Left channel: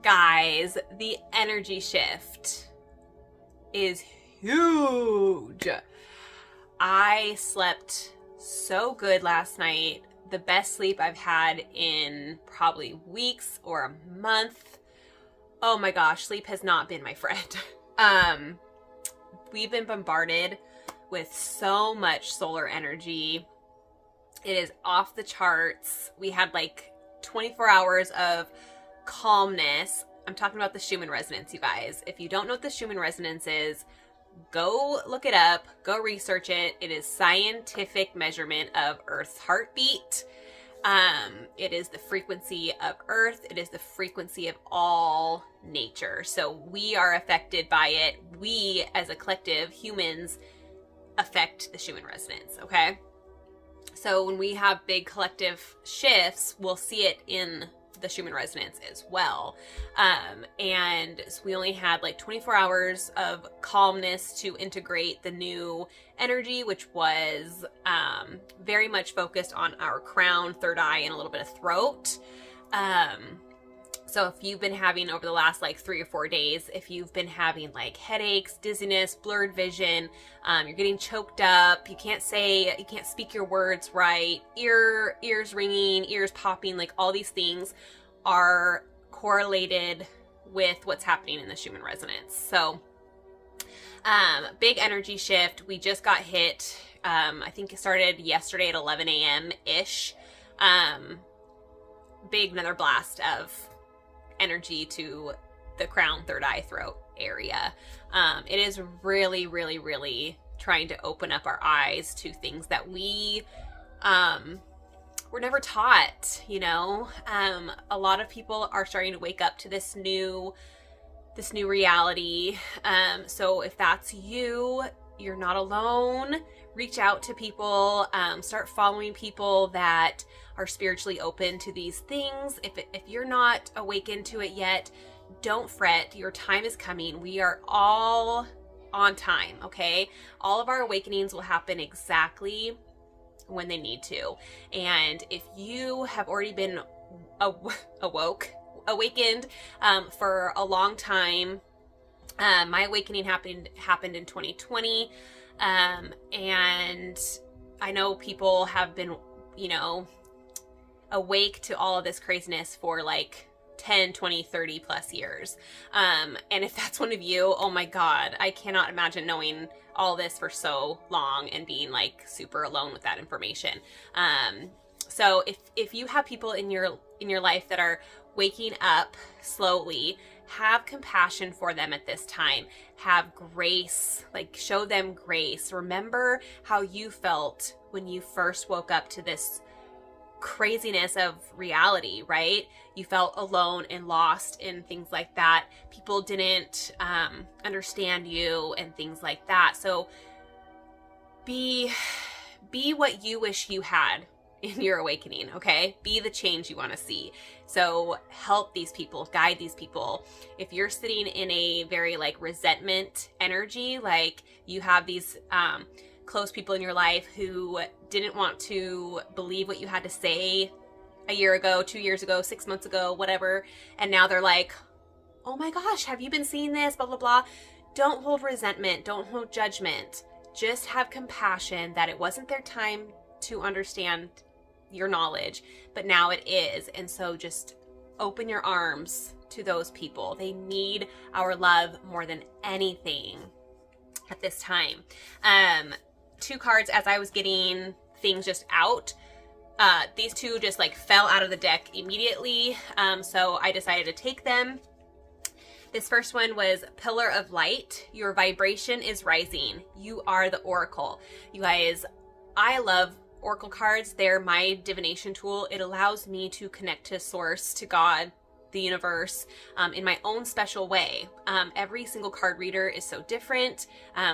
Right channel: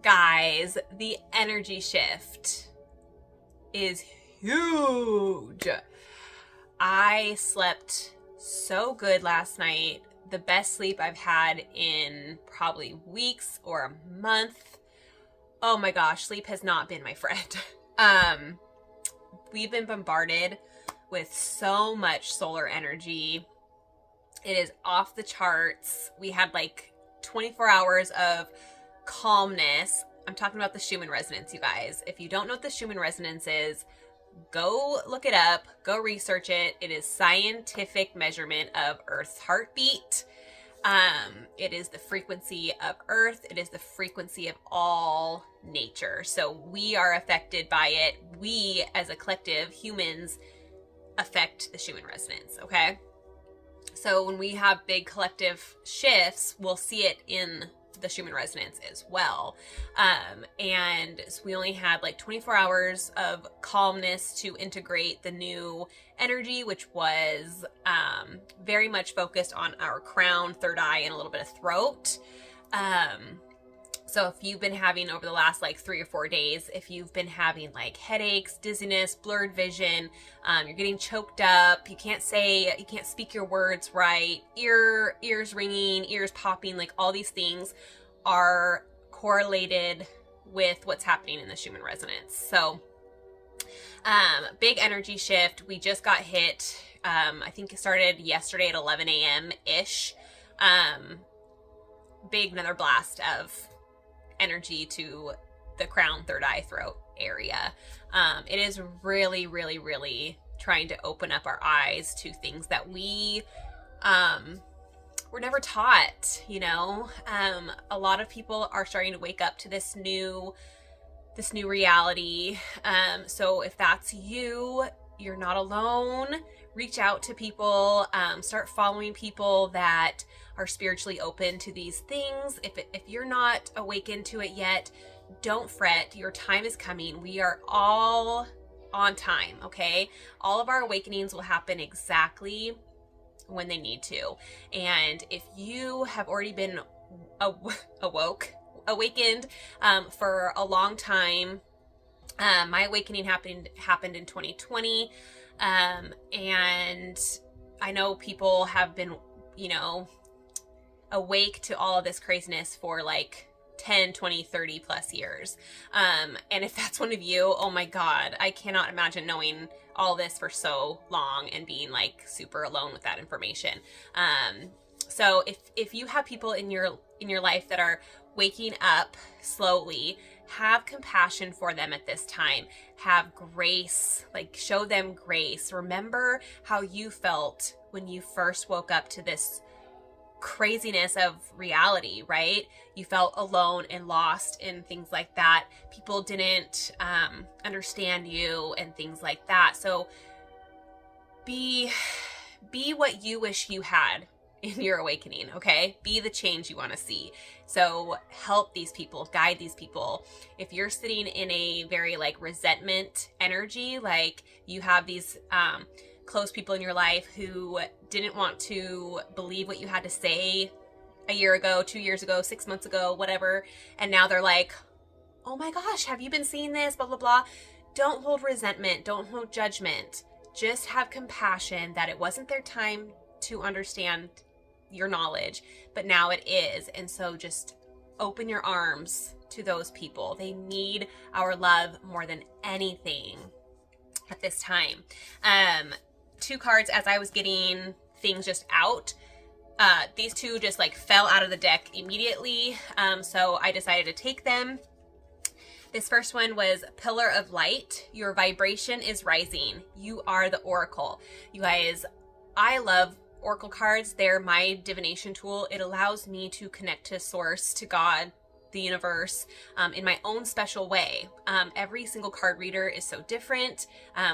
guys, the energy shift is huge. I slept so good last night. The best sleep I've had in probably weeks or a month. Oh my gosh, sleep has not been my friend. We've been bombarded with so much solar energy. It is off the charts. We had like 24 hours of calmness. I'm talking about the Schumann resonance, you guys. If you don't know what the Schumann resonance is, go look it up, go research it. It is scientific measurement of Earth's heartbeat. It is the frequency of Earth. It is the frequency of all nature. So we are affected by it. We, as a collective, humans, affect the Schumann resonance, okay? So when we have big collective shifts, we'll see it in the Schumann resonance as well. And so we only had like 24 hours of calmness to integrate the new energy, which was very much focused on our crown, third eye, and a little bit of throat. So if you've been having over the last like 3 or 4 days, if you've been having like headaches, dizziness, blurred vision, you're getting choked up, you can't speak your words right, ears ringing, ears popping, like all these things are correlated with what's happening in the Schumann resonance. So big energy shift. We just got hit. I think it started yesterday at 11 a.m. ish. Big another blast of energy to the crown, third eye, throat area. It is really, really, really trying to open up our eyes to things that we were never taught, you know. A lot of people are starting to wake up to this new reality. So if that's you, you're not alone. Reach out to people, start following people that are spiritually open to these things. If you're not awakened to it yet, don't fret. Your time is coming. We are all on time, okay? All of our awakenings will happen exactly when they need to. And if you have already been awakened for a long time, my awakening happened in 2020. And I know people have been, you know, awake to all of this craziness for like 10, 20, 30 plus years. And if that's one of you, oh my God, I cannot imagine knowing all this for so long and being like super alone with that information. So if you have people in your life that are waking up slowly, have compassion for them at this time. Have grace, like show them grace. Remember how you felt when you first woke up to this craziness of reality, right? You felt alone and lost and things like that. People didn't understand you and things like that. So be what you wish you had in your awakening, okay? Be the change you want to see. So help these people, guide these people. If you're sitting in a very like resentment energy, like you have these close people in your life who didn't want to believe what you had to say a year ago, 2 years ago, 6 months ago, whatever, and now they're like, oh my gosh, have you been seeing this, blah, blah, blah. Don't hold resentment. Don't hold judgment. Just have compassion that it wasn't their time to understand your knowledge, but now it is. And so just open your arms to those people. They need our love more than anything at this time. 2 cards as I was getting things just out. These 2 just like fell out of the deck immediately. So I decided to take them. This first one was Pillar of Light. Your vibration is rising. You are the oracle. You guys, I love oracle cards. They're my divination tool. It allows me to connect to source, to God, the universe, in my own special way. Every single card reader is so different.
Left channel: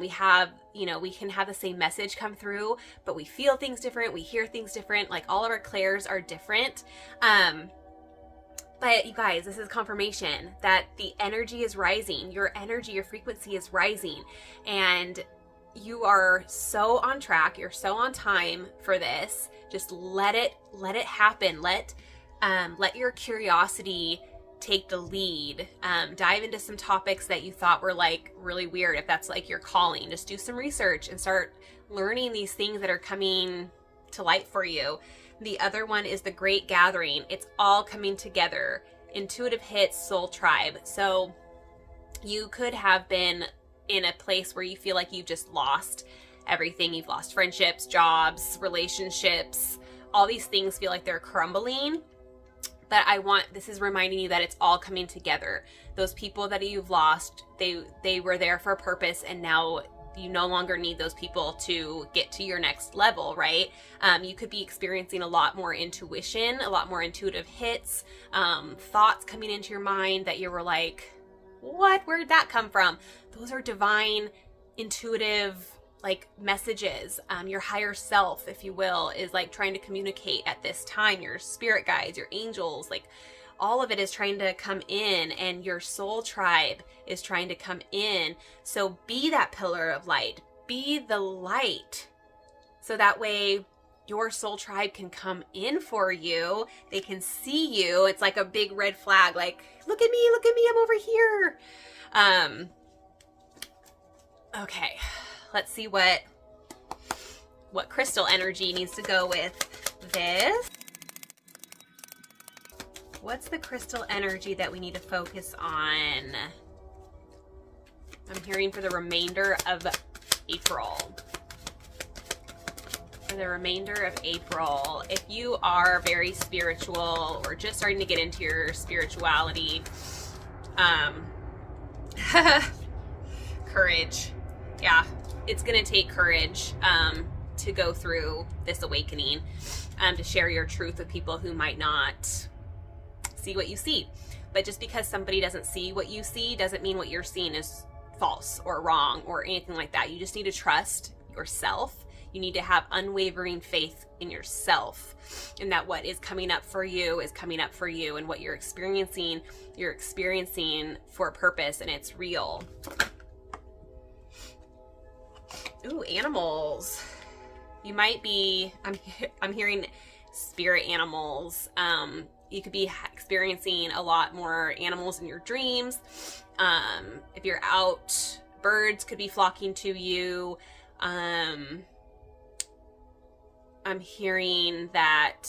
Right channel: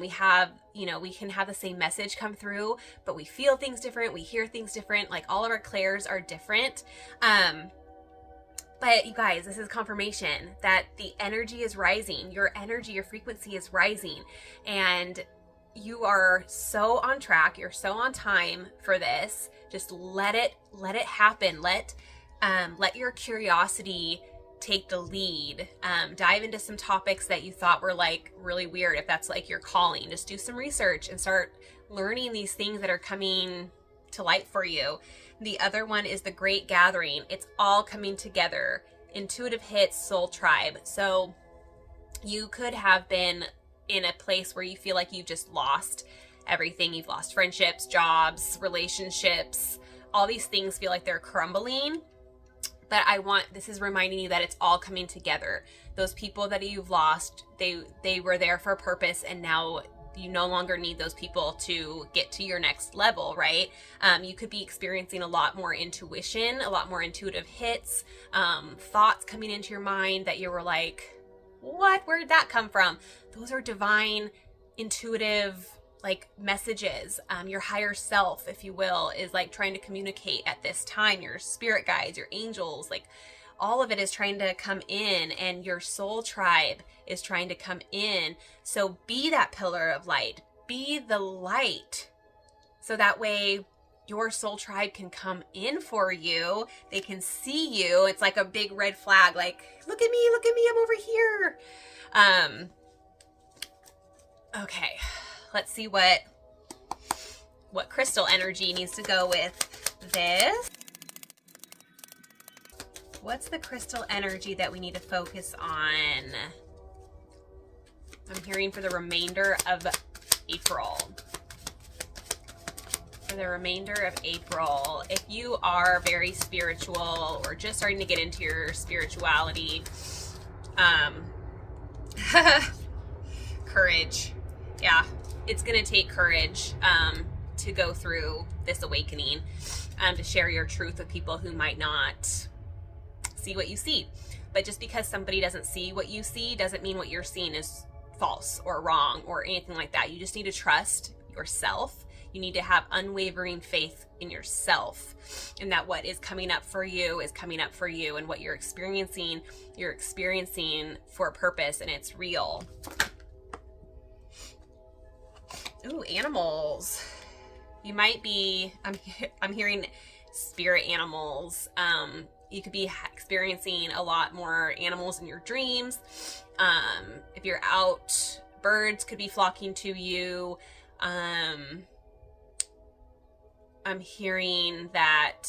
We can have the same message come through, but we feel things different. We hear things different. Like all of our clairs are different. But you guys, this is confirmation that the energy is rising. Your energy, your frequency is rising. And you are so on track. You're so on time for this. Just let it happen. Let your curiosity take the lead. Dive into some topics that you thought were like really weird. If that's like your calling, just do some research and start learning these things that are coming to light for you. The other one is the Great Gathering. It's all coming together. Intuitive hits, soul tribe. So you could have been in a place where you feel like you've just lost everything. You've lost friendships, jobs, relationships. All these things feel like they're crumbling. But this is reminding you that it's all coming together. Those people that you've lost, they were there for a purpose, and now you no longer need those people to get to your next level, right? You could be experiencing a lot more intuition, a lot more intuitive hits, thoughts coming into your mind that you were like, what? Where did that come from? Those are divine, intuitive, like messages. Your higher self, if you will, is like trying to communicate at this time. Your spirit guides, your angels, like all of it is trying to come in, and your soul tribe is trying to come in. So be that pillar of light, be the light. So that way your soul tribe can come in for you. They can see you. It's like a big red flag, like, look at me, I'm over here. Okay, let's see what crystal energy needs to go with this. What's the crystal energy that we need to focus on? I'm hearing for the remainder of April. For the remainder of April, if you are very spiritual or just starting to get into your spirituality, courage. Yeah, it's going to take courage to go through this awakening, to share your truth with people who might not see what you see. But just because somebody doesn't see what you see doesn't mean what you're seeing is false or wrong or anything like that. You just need to trust yourself. You need to have unwavering faith in yourself, and that what is coming up for you is coming up for you, and what you're experiencing for a purpose, and it's real. Ooh, animals. You might be, I'm hearing spirit animals. You could be experiencing a lot more animals in your dreams. If you're out, birds could be flocking to you. I'm hearing that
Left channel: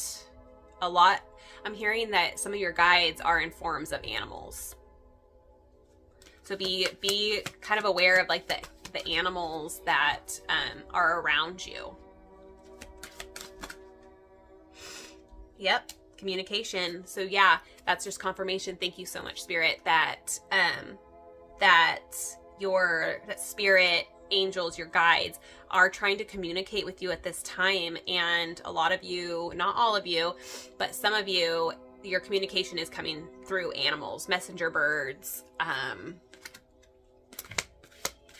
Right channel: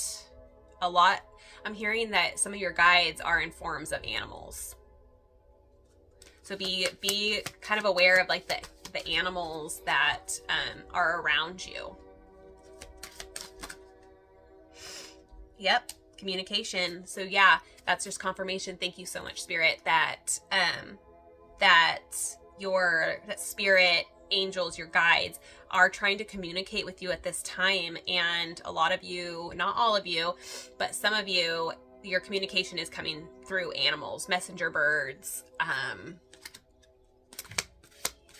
I'm hearing that some of your guides are in forms of animals. So be kind of aware of like the animals that are around you. Yep. Communication. So yeah, that's just confirmation. Thank you so much, Spirit, that your spirit angels, your guides, are trying to communicate with you at this time. And a lot of you, not all of you, but some of you, your communication is coming through animals, messenger birds.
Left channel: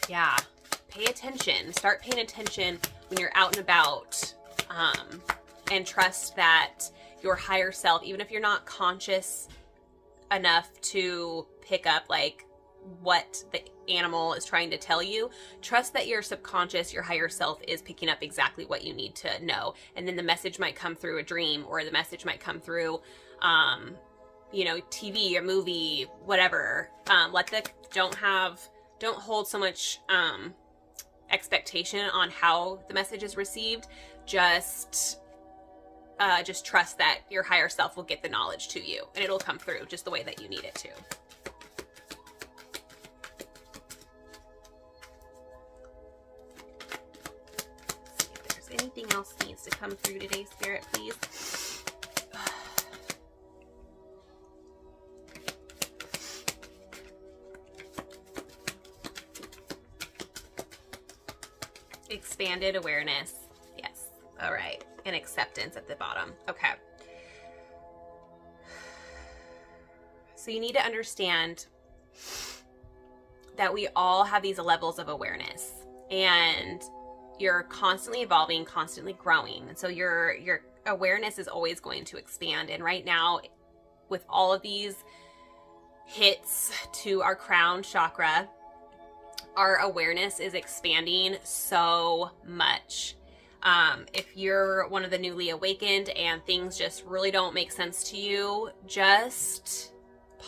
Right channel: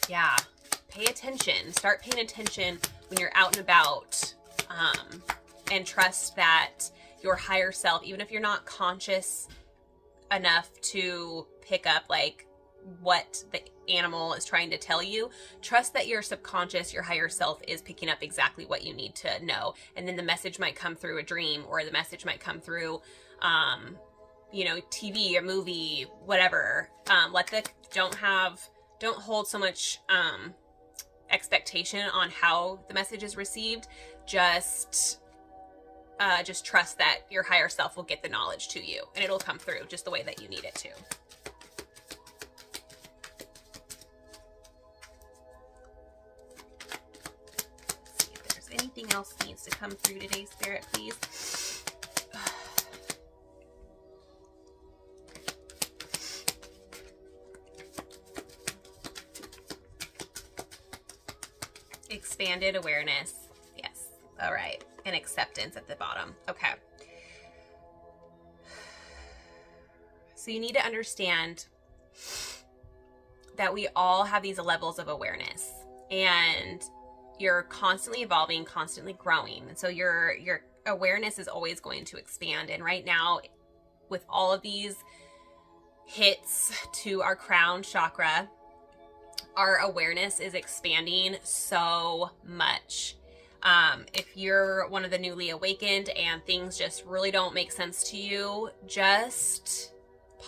Yeah, pay attention. Start paying attention when you're out and about, and trust that your higher self, even if you're not conscious enough to pick up like what the animal is trying to tell you, trust that your subconscious, your higher self, is picking up exactly what you need to know. And then the message might come through a dream, or the message might come through, TV, a movie, whatever. Don't hold so much expectation on how the message is received. Just trust that your higher self will get the knowledge to you, and it'll come through just the way that you need it to. Let's see if there's anything else that needs to come through today, Spirit, please. Expanded awareness. Yes. All right. And acceptance at the bottom. Okay. So you need to understand that we all have these levels of awareness, and you're constantly evolving, constantly growing. And so your awareness is always going to expand. And right now, with all of these hits to our crown chakra, our awareness is expanding so much. If you're one of the newly awakened and things just really don't make sense to you, just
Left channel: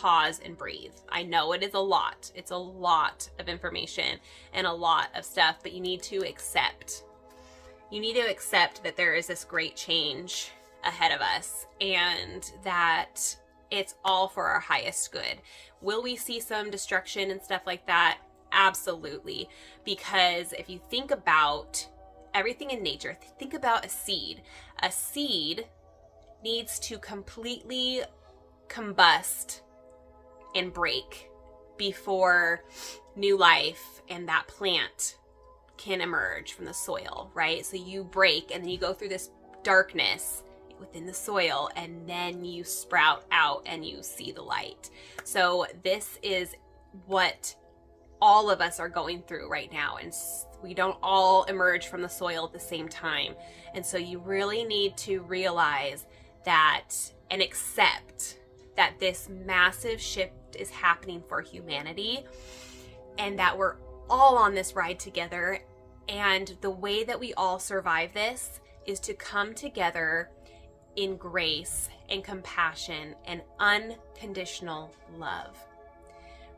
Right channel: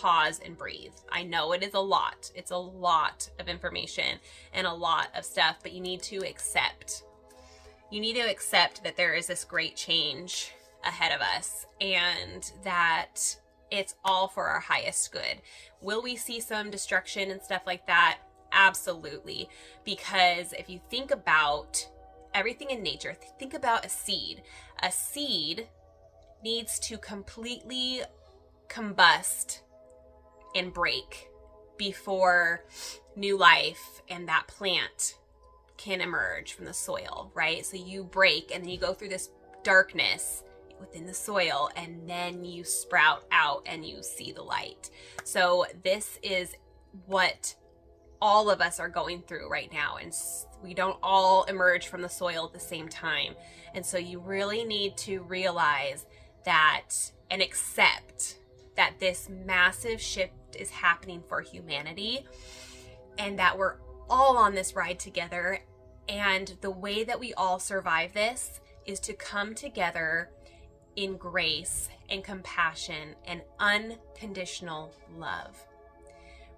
pause and breathe. I know it is a lot. It's a lot of information and a lot of stuff, but you need to accept. You need to accept that there is this great change ahead of us and that it's all for our highest good. Will we see some destruction and stuff like that? Absolutely. Because if you think about everything in nature, think about a seed. A seed needs to completely combust and break before new life and that plant can emerge from the soil, right? So you break and then you go through this darkness within the soil and then you sprout out and you see the light. So this is what all of us are going through right now, and we don't all emerge from the soil at the same time. And so you really need to realize that and accept that this massive shift is happening for humanity and that we're all on this ride together. And the way that we all survive this is to come together in grace and compassion and unconditional love.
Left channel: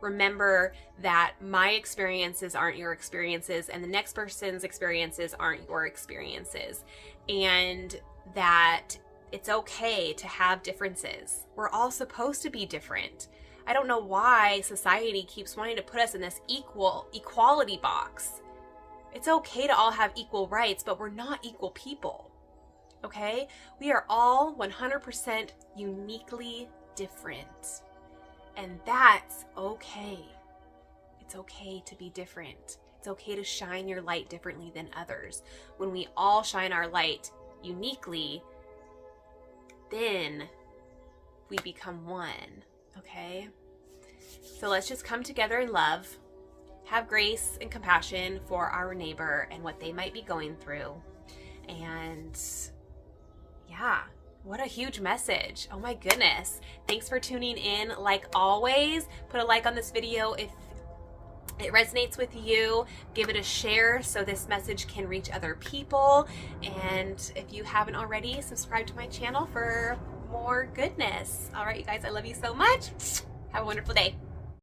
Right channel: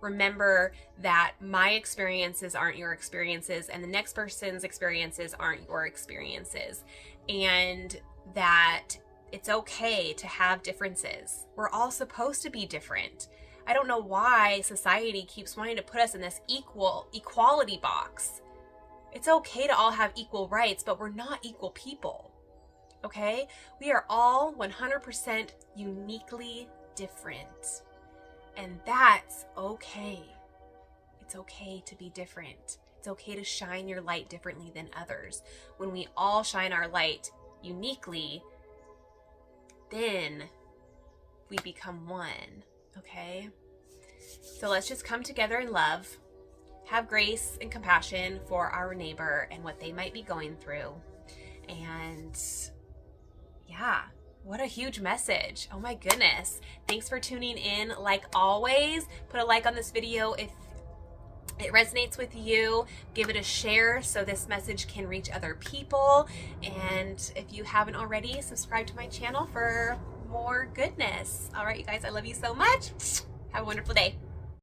Remember that my experiences aren't your experiences, and the next person's experiences aren't your experiences, and that it's okay to have differences. We're all supposed to be different. I don't know why society keeps wanting to put us in this equality box. It's okay to all have equal rights, but we're not equal people. Okay? We are all 100% uniquely different. And that's okay. It's okay to be different. It's okay to shine your light differently than others. When we all shine our light uniquely, then we become one, okay? So let's just come together in love, have grace and compassion for our neighbor and what they might be going through. And yeah, what a huge message. Oh my goodness. Thanks for tuning in. Like always, put a like on this video if it resonates with you. Give it a share so this message can reach other people. And if you haven't already, subscribe to my channel for more goodness. All right, you guys, I love you so much. Have a wonderful day.